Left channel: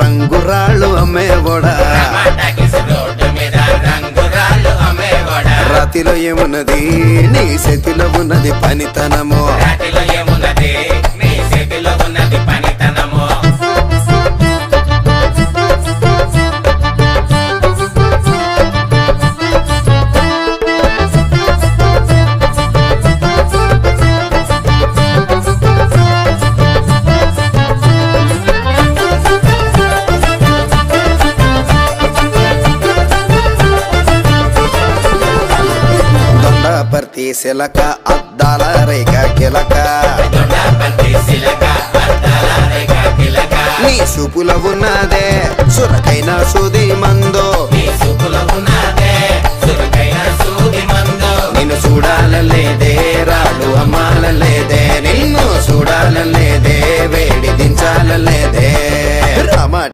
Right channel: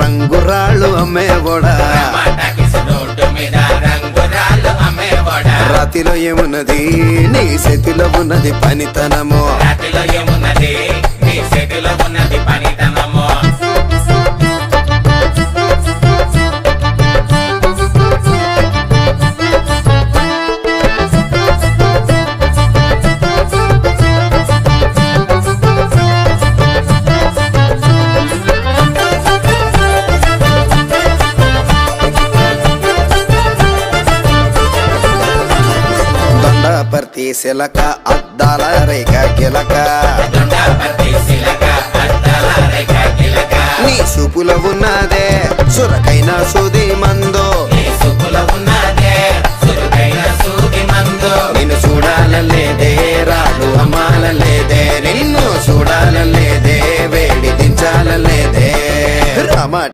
రంగురాళ్ళు అమ్మేవోడా రాతిలో ఏమున్నది నీ చేతిలో ఉన్నది పనితనము పర్తి సిలక అద్దాల రేఖ గిలక నీ చూపులో ఉన్నదే సురకైన సూది మందో నిన్ను చూడాలలేదే రాళ్ళు అమ్మాలలేదే నిన్ను చూడాలలేదే వేడి దించాలలేదే రామ